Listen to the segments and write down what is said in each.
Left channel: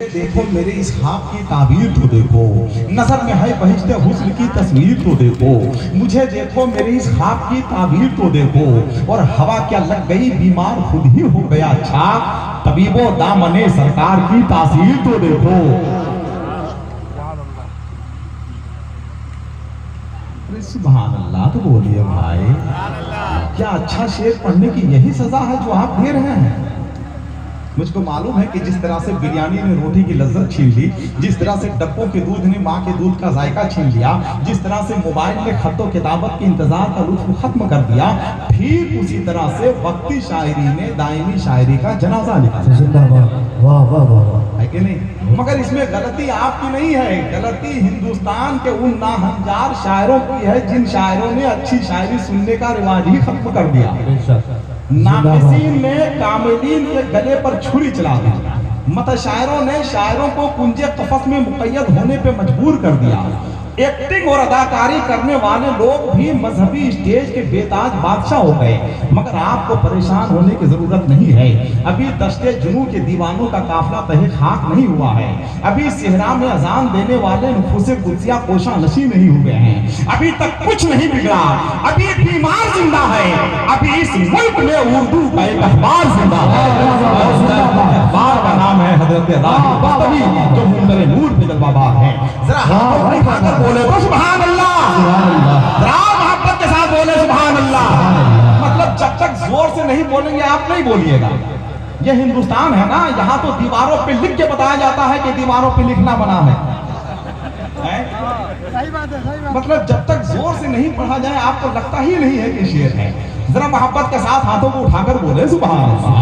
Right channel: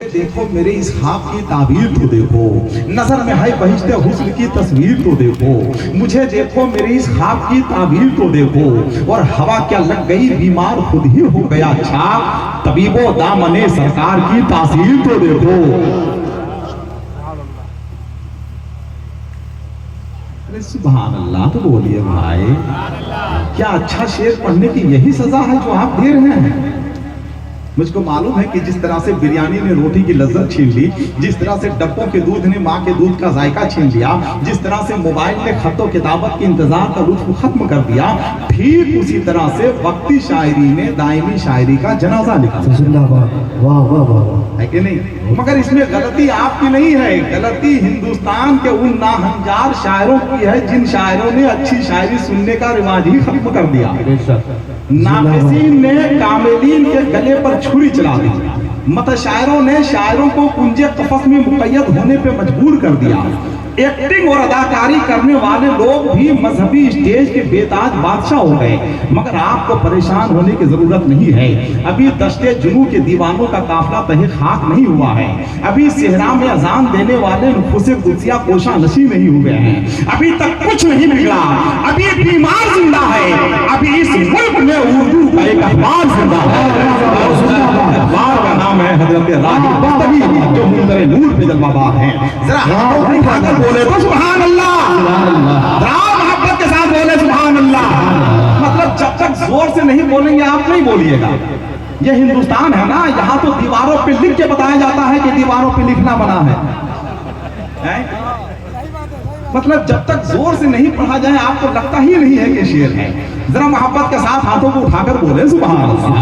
देखो मेरे इस ख्वाब की ताबीर तो देखो, नजर में है बहिश्ते हुस्न की तस्वीर तो देखो, मुझे देखो मेरे इस ख्वाब की ताबीर तो देखो, और हवा क्या लग गई बीमार खुद ही हो गया अच्छा, तबीबो दामने सरकार की तासीर तो देखो। अरे सुभान अल्लाह तो बोलिए भाई, क्या अच्छा शेर पढ़ने की यही सजा है जो आप दे रहे हैं। मुझको मालूम है कि जिस तरह से बिरयानी ने रोटी की लज्जत छीन ली, जिस तरह से डब्बों के दूध ने माँ के दूध का जायका छीन लिया, जिस तरह से मोबाइल ने खतो किताबत के इंतजार का लुत्फ खत्म कर दिया, ठीक उसी तरह से वक्ती शायरी ने दायमी शायरी का जनाजा लिखा। वाह वाह वाह, है कि नहीं? मगर इसमें गलती आपकी नहीं है, गलती हिंदुस्तान के उन नाहंजार शायरों की है जिन शायरों ने अच्छी शायरी सुनने का रिवाज ही खत्म कर दिया। नाक़िसीन ने कामिलीन के गले पर छुरी चला दी, मतशायरों ने शायरों को कुंजे कफस में मुक़य्यद होने पे मजबूर कर दिया। एक्टिंग और अदाकारी करने वाले लोग भी मजहबी स्टेज के बेताज बादशाह हो गए। मगर आपको परेशान होने की जरूरत नहीं है, अभी दश्ते जुनू के दीवानों का काफिला तहे खाक नहीं हुआ है, अभी सेहरा में अजान देने वाले नुफूसे कुर्सिया कोशा नशी नहीं हुए हैं, अभी तक कुछ नहीं बिगड़ा, अभी बीमार जिंदा है, अभी इस मुल्क में उर्दू का एक अखबार जिंदा है। अखबार का नाम है हजरत राही बस्तवी, जो मुंदर नूर पे जलवाबाज हैं। जरा हाथों को उठाकर बोले तो सुभान अल्लाह, मोहब्बत के साथ बोले सुभान अल्लाह। मतलब जब तक जोर से नहीं बोलेंगे आप नहीं बोलिएगा। ये हिंदुस्तान है ना, यहाँ तो दीवारों पे लिख के बताया जाता है कि दीवारों पे लिखना बना है? मतलब जब तक जोर से नहीं पढ़ा जाए आपको लगता ही नहीं है कि शेर है। जरा मोहब्बत के साथ हाथों को उठाकर बोले सुभान अल्लाह।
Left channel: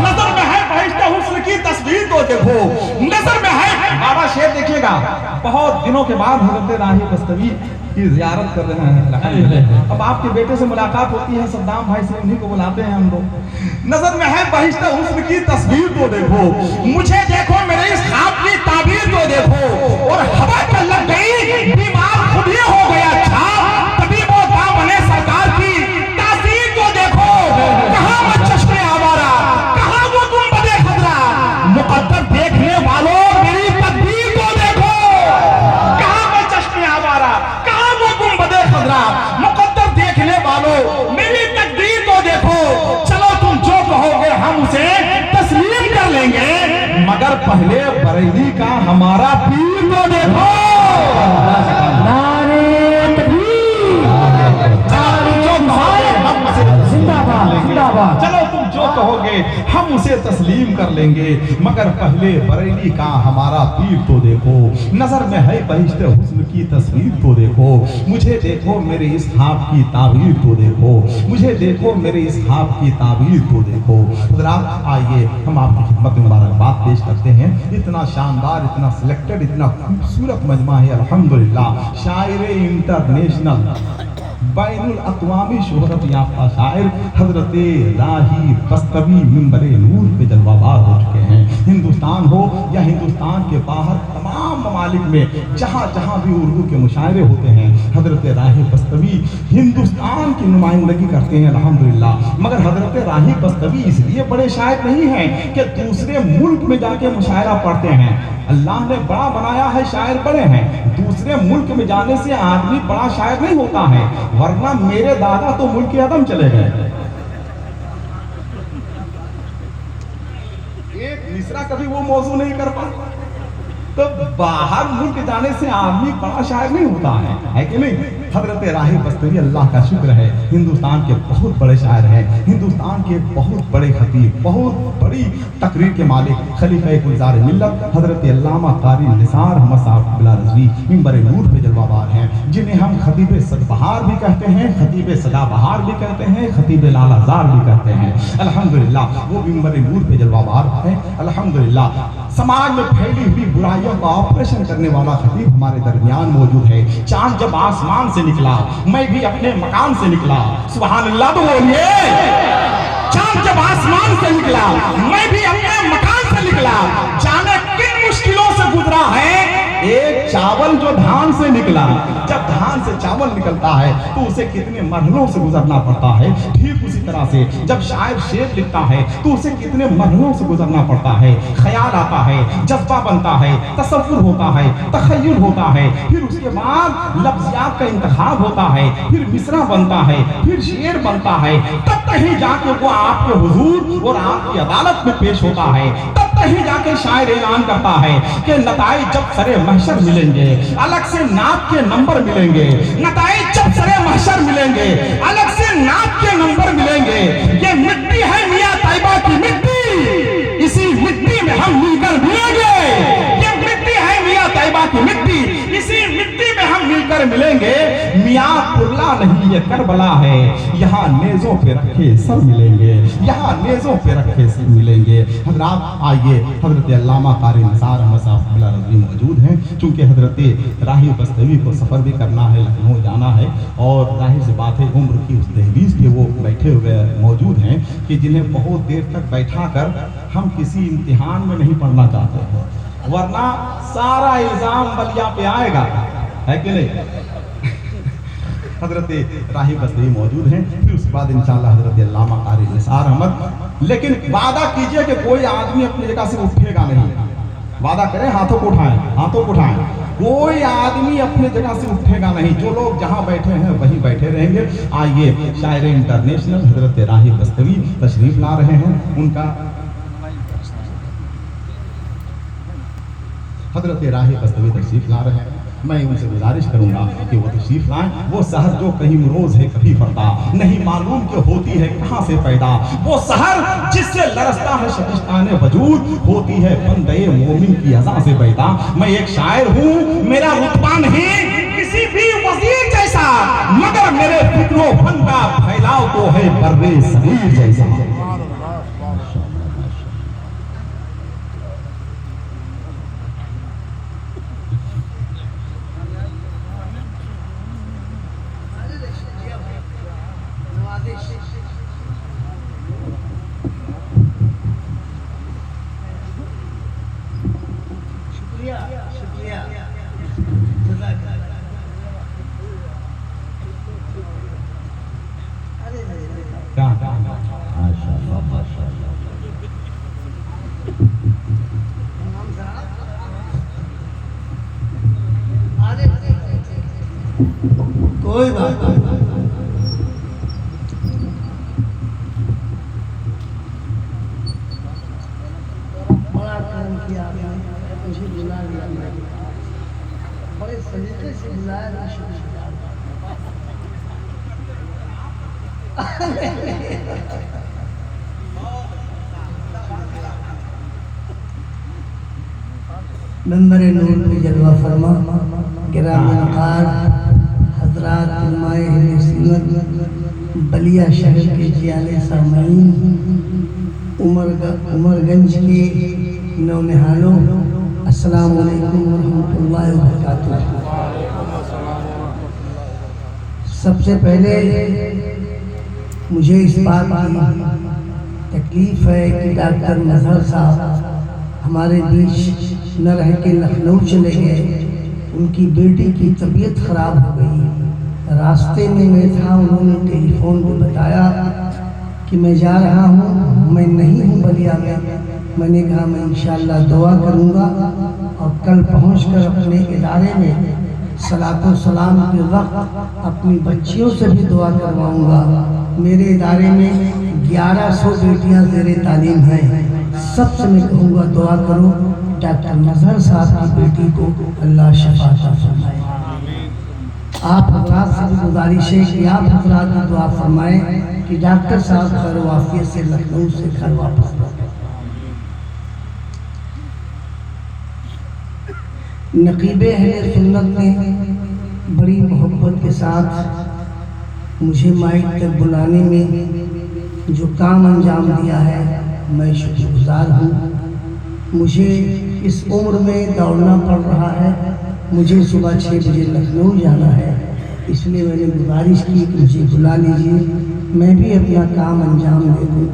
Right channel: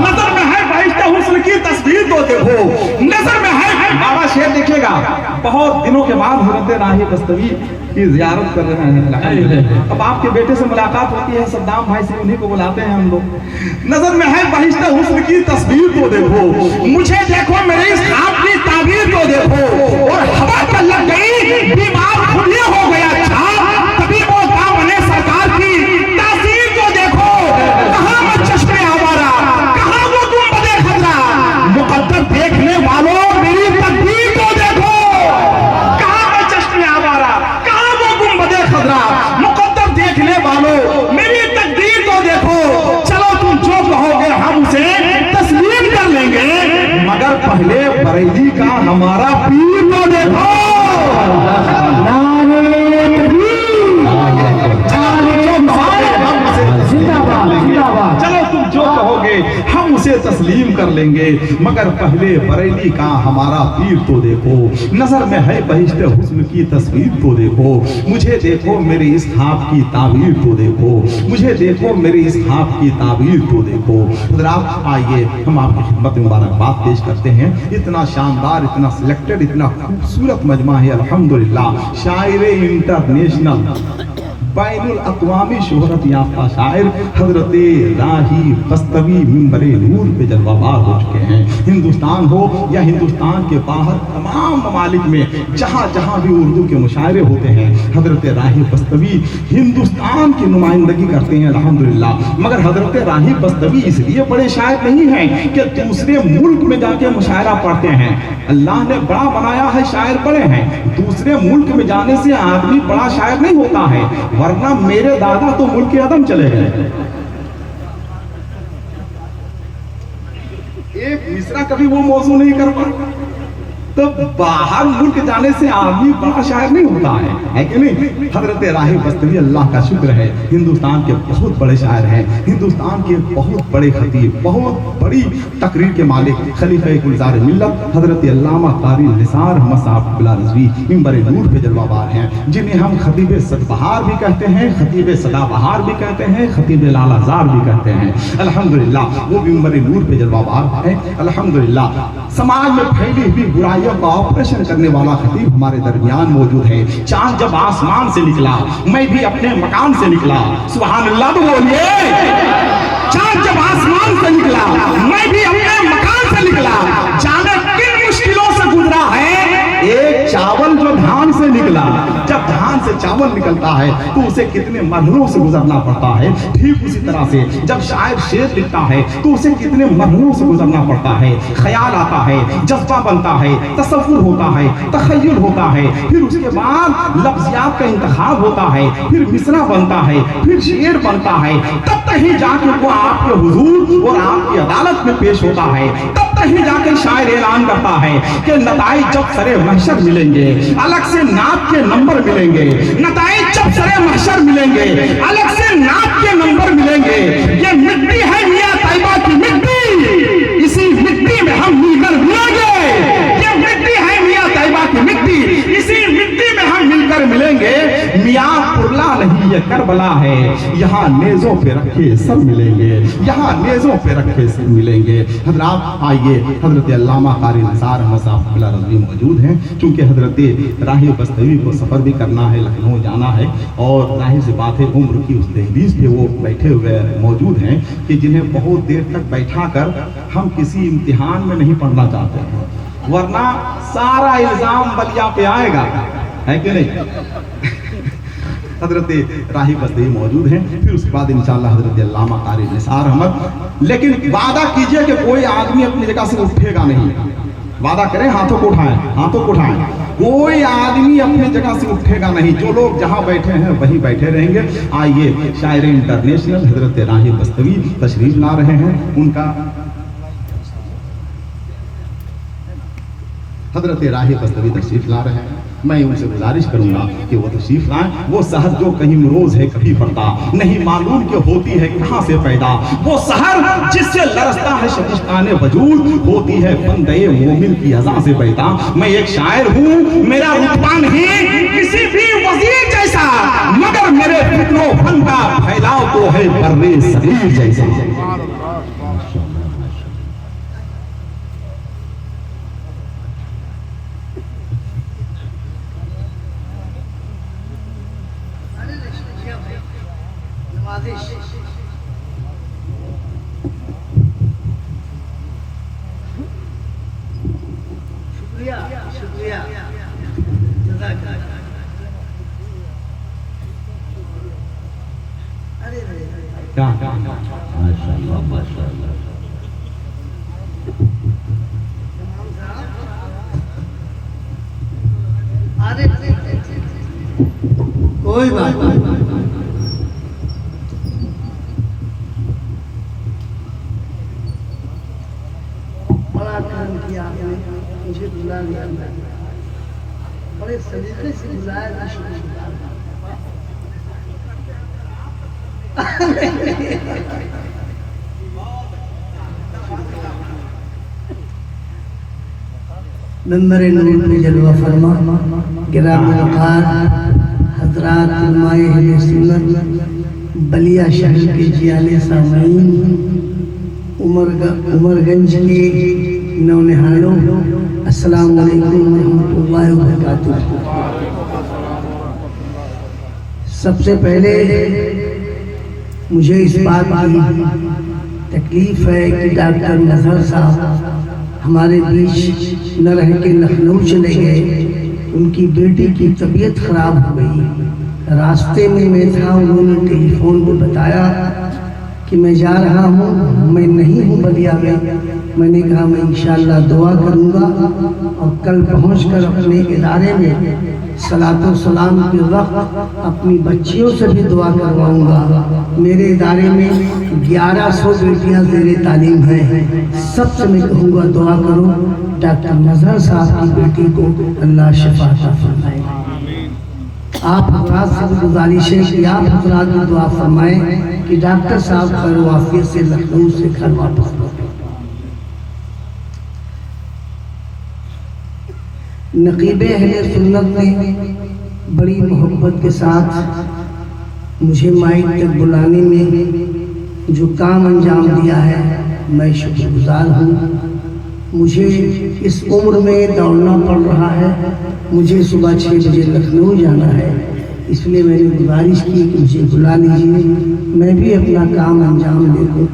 नजर में है बहिश्ते हुस्न की तस्वीर तो देखो, नजर में है। बाबा शेर देखिएगा, बहुत दिनों के बाद हजरत राही बस्तवी की जियारत कर रहे हैं। अब आपके बेटे से मुलाकात होती है, सद्दाम भाई से, उन्हीं को बुलाते हैं हम लोग। नजर में है बहिश्ते हुस्न की तस्वीर तो देखो, मुझे देखो मेरे इस ख्वाब की ताबीर तो देखो, और हवा पर लग गई बीमार खुद ही हो गया अच्छा, तबीबो दामने सरकार की तासीर तो देखो। कहाँ वो चश्मे आवारा, कहाँ वो गुंबदे खजरा, मुकद्दर देखने वालों मेरी तकदीर तो देखो। कहाँ वो चश्मे आवारा, कहाँ वो गुंबदे खजरा, मुकद्दर देखने वालों मेरी तकदीर तो देखो। चलो तुम जो कहोगे हम उसे तस्लीम कर लेंगे, मगर पहले बरेली का हमारा पीर तो देखो। चलो तुम जो कहोगे हम उसे तस्लीम कर लेंगे, मगर पहले बरेली का हमारा पीर तो देखो। नजर में है बहिश्ते हुस्न की तस्वीर तो देखो, मुझे देखो मेरे इस ख्वाब की ताबीर तो देखो, मुझे देखो मेरे इस ख्वाब की ताबीर तो देखो। हज़रात आइए हम आपकी खिदमत में मुबारकबाद पेश करते हैं। इतना शानदार, इतना सिलेक्टेड, इतना खूबसूरत मजमा है अल्हम्दुलिल्लाह। शायर इंटरनेशनल बैनुल अक़वामी शोहरत याफ्ता शायर हजरत राही बस्तवी मिंबरे नूर पे जलवाबाज हो चुके हैं। हिंदुस्तान हो या हिंदुस्तान के बाहर तमाम ममालिक में जहाँ जहाँ भी उर्दू के मुशायरे होते हैं, हजरत राही बस्तवी हिंदुस्तान की नुमाइंदगी करते हैं अल्हम्दुलिल्लाह। मगर हजरत राही बस्तवी इसलिए बड़े शायर नहीं हैं कि दूसरे मुल्क में जाके मुशायरा पढ़ते हैं। अल्लाह ने बड़ा बनाया है, शायर बड़े हैं। दूसरे मुल्क में जाने से आदमी बड़ा शायर नहीं होता है, वरना मेरे दादा तो मुल्क अदम चले गए। एक मिसरा कभी वो मौजू नहीं कर पाए, तो बाहर मुल्क जाने से आदमी बड़ा शायर नहीं होता है कि नहीं? हजरत राही बस्तवी अल्लाह का शुक्र है, हिंदुस्तान के बहुत बड़े शायर हैं, हिंदुस्तान के बहुत बड़े खतीब, बहुत बड़ी तकरीर के मालिक, खलीफा गुलजार मिल्लत हजरत अल्लामा कारी निसार अहमद साहब बिला रज़वी मिंबर नूर पे जलवाबार हैं, जिन्हें हम खतीब सदबहार भी कहते हैं, खतीब सदाबहार भी कहते हैं, खतीब लालाजार भी कहते हैं। अल्हम्दुलिल्लाह वो मिंबर नूर पे जलवाबार हैं। अल्हम्दुलिल्लाह समाज में फैली हुई बुराइयों का ऑपरेशन करने वाला खतीब हमारे दरमियान मौजूद है। चांद जब आसमान से निकला, मैं भी अपने मकान से निकला। सुभान अल्लाह तो बोलिए। चांद जब आसमान से निकला, मैं भी अपने मकान से निकला। जाने किन मुश्किलों से गुजरा है एक चावल जो धान से निकला। जब धान से से चावल निकलता है तो उसे कितने मरहलों से गुजरना पड़ता है, ठीक उसी तरह से जब शायर शेर लिखता है तो उसे कितने मरहलों से गुजरना पड़ता है। ख्याल आता है, जज्बा बनता है, तसव्वुर होता है, तखय्युल होता है, फिर उसके बाद लफ्ज़ियात का इंतखाब होता है, फिर मिसरा बनता है, फिर शेर बनता है, तब कहीं जाके वो आपके हुजूर और आपकी अदालत में पेश होता है। तब कहीं जाके शायर ऐलान करता है कि नताइज जब सरे महशर मिलेंगे, अलग से नात के नंबर मिलेंगे। नताइज जब सरे महशर मिलेंगे, अलग से नात के नंबर मिलेंगे। ये मिट्टी है मियां तैयबा की मिट्टी, इसी मिट्टी में हम मिलकर मिलेंगे। ये मिट्टी है मियां तैयबा की मिट्टी, इसी मिट्टी में हम मिलकर मिलेंगे। मियां पुरला नहीं ये करबला है, यहाँ नेज़ों पे रखे सर मिलेंगे, यहाँ नेज़ों पे रखे सर मिलेंगे। हजरात आइए, हजरत अल्लामा कारी निसार अहमद साहब क़िबला रज़वी मौजूद हैं। चूँकि हजरत राही बस्तवी को सफ़र भी करना है, लखनऊ जाना है, और जाहिर सी बात है उम्र की उस दहलीज़ पे वो बैठे हुए मौजूद हैं कि जिन्हें बहुत देर तक बैठा कर हम किसी इम्तिहान में नहीं पढ़ना चाहते हैं, वरना सारा इल्ज़ाम बलिया पे आएगा, है कि नहीं। हजरत राही बस्तवी मौजूद हैं, फिर उसके बाद इंशाअल्लाह हजरत अल्लामा कारी निसार अहमद। लेकिन वादा कीजिए कि कोई आदमी अपनी जगह से उठेगा नहीं। वादा करें, हाथों को उठाएं, हाथों को उठाएं। कोई आदमी अपनी जगह से उठेगा नहीं, जो लोग जहां बैठे हैं वहीं बैठे रहेंगे। आइए, शायर इंटरनेशनल हजरत राही बस्तवी तशरीफ ला रहे हैं। उनका हजरत राही बस्तवी तशरीफ ला रहे हैं। मैं उनसे गुजारिश करूंगा कि वो तशरीफ लाएं। वो सहर जो कहीं रोज है कभी फरदा, नहीं मालूम कि होती है कहाँ से पैदा। वो सहर जिससे लरसता है शबिस्ताने वजूद, होती है बंदे मोमिन की अज़ा से पैदा। मैं एक शायर हूँ, मेरा रुतबा नहीं किसी भी वज़ीर जैसा, मगर मेरे फिक्रो फन का फैलाव तो है बर्रे सगीर जैसा। कोई बात नहीं। बड़ा काम किया आपने, मुझे बुला लिया, बड़े सलीके से बुलाया। मैं शुक्रिया। मेंबर नूर पे जलवा फरमा, गिरामी वक़ार हज़रात उलमाए अहले सुन्नत बलिया शहर के जियाले सामीन, उमरगंज के नौनिहालों, अस्सलाम वालेकुम रहमतुल्लाहि व बरकातुहू। सबसे पहले मुझे इस बात की तकलीफ है कि डॉक्टर नज़र साहब हमारे बीच न रह के लखनऊ चले गए। उनकी बेटी की तबीयत खराब हो गई। रास्ते में मैं था, उन्होंने टेलीफोन पर बताया कि मैं जा रहा हूँ, मैं नहीं हूँ बलिया में। मैंने कहा मैं इंशाअल्लाह दुआ करूँगा और कल पहुँचकर अपने इदारे में सलातो सलाम के वक्त अपनी बच्चियों से भी दुआ करवाऊँगा। मेरे इदारे में 1100 बेटियाँ ज़ेरे तालीम हैं। सबसे मैं कहूँगा दुआ करो, डॉक्टर नज़र साहब की बेटी को अल्लाह शिफा अता फरमाए। आप हज़रात से भी गुजारिश है कि आप हज़रात भी दुआ फरमाएं कि डॉक्टर साहब खैर वाफियत से लखनऊ से घर वापस लौटे। नकीबे अहले सुन्नत ने बड़ी मोहब्बत के साथ मुझे माइक तक बुलाने में जो काम अंजाम दिया है, मैं शुक्रगुजार हूँ। मुझे इस उम्र में दौड़ना पड़ रहा है, मुझे सुबह 6 बजे लखनऊ जाना है, اس لیے میں نے گزارش کی کہ مجھے بلا لیجیے، میں بھی اپنا کام انجام دے دوں۔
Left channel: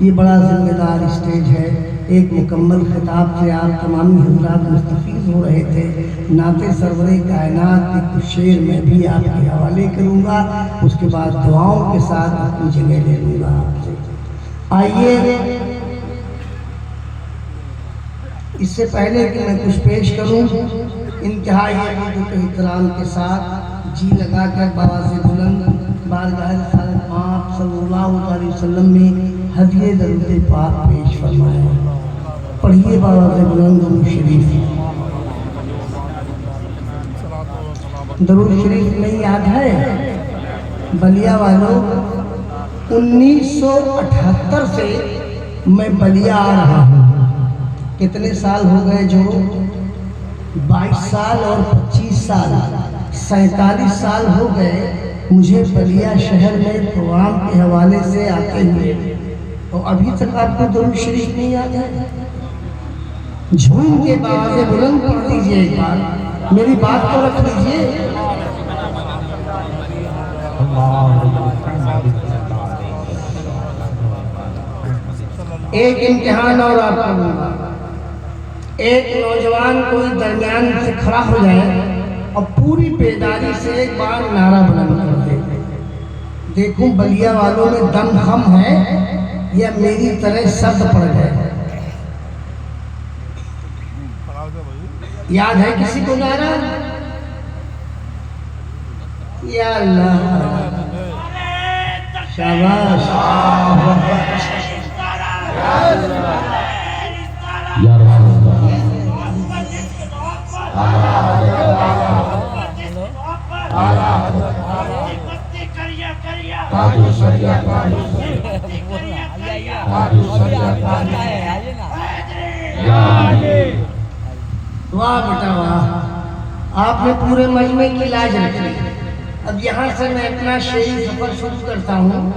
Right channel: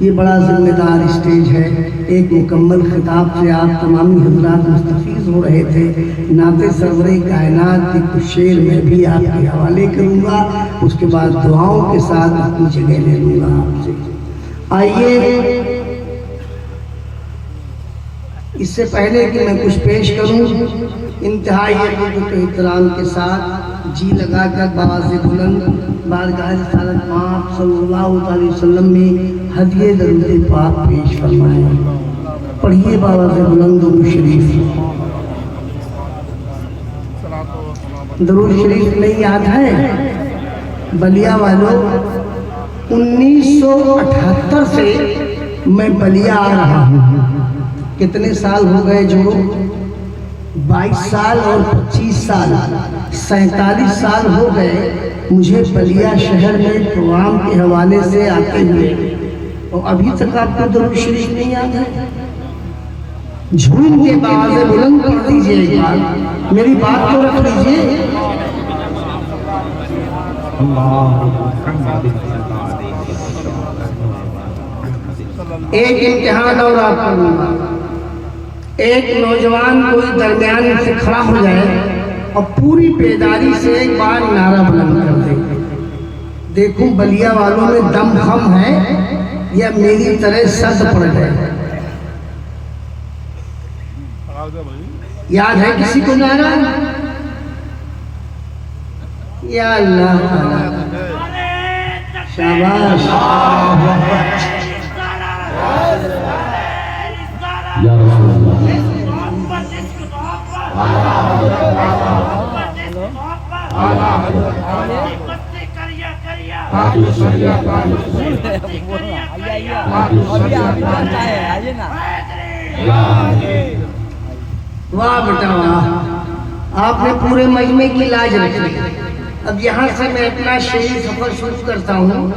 یہ بڑا ذمہ دار اسٹیج ہے، ایک مکمل خطاب سے آپ تمامی حضرات مستفیض ہو رہے تھے۔ نعت سرور کائنات کے کچھ شعر میں بھی آپ کے حوالے کروں گا، اس کے بعد دعاؤں کے ساتھ اپنی جگہ لے لوں گا آپ سے۔ آئیے، اس سے پہلے کہ میں کچھ پیش کروں، انتہائی عقیدت و احترام کے ساتھ جی لگا کر باز بلند بارگاہ رسالت آپ صلی اللہ علیہ وسلم میں ہدیہ درود پاک پیش فرمائیں۔ پڑھیے باز بلند و شریف۔ درود شریف نہیں یاد ہے؟ بلیا والوں، 1978 سے میں بلیا آ رہا ہوں۔ کتنے سال ہو گئے؟ جو 22 سال اور 25 سال، 47 سال ہو گئے مجھے بلیا شہر میں پروگرام کے حوالے سے آتے ہوئے، اور ابھی تک آپ کو درود شریف نہیں یاد ہے؟ جھوم کے باز بلند پڑھ دیجئے، ایک بار میری بات کو رکھ لیجئے۔ ایک امتحان اور آپ کروں گا، ایک نوجوان کوئی درمیان سے کھڑا ہو جائے اور پوری بیداری سے ایک بار نعرہ بلند کر دے، دیکھوں بلیا والوں میں دم خم ہے یا میری طرح سد پڑ گئے۔ یاد ہے کسی کو نعرہ؟ یا اللہ، شاباش، یا رسول اللہ، واہ بیٹا واہ، آپ نے پورے مجمع کی لاج رکھ لی۔ اب یہاں سے میں اپنا شعری سفر شروع کرتا ہوں۔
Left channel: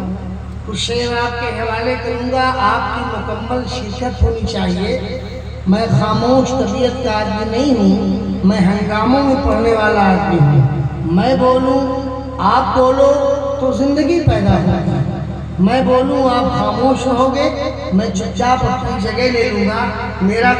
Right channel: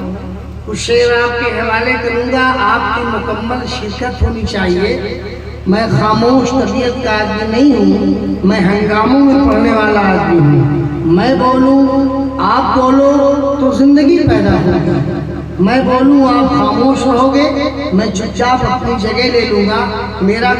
کچھ شعر آپ کے حوالے کروں گا، آپ کی مکمل شرکت ہونی چاہیے۔ میں خاموش طبیعت کا آدمی نہیں ہوں، میں ہنگاموں میں پڑھنے والا آدمی ہوں۔ میں بولوں آپ بولو تو زندگی پیدا ہوگی، میں بولوں آپ خاموش رہو گے، میں چپ چاپ اپنی جگہ لے لوں گا۔ میرا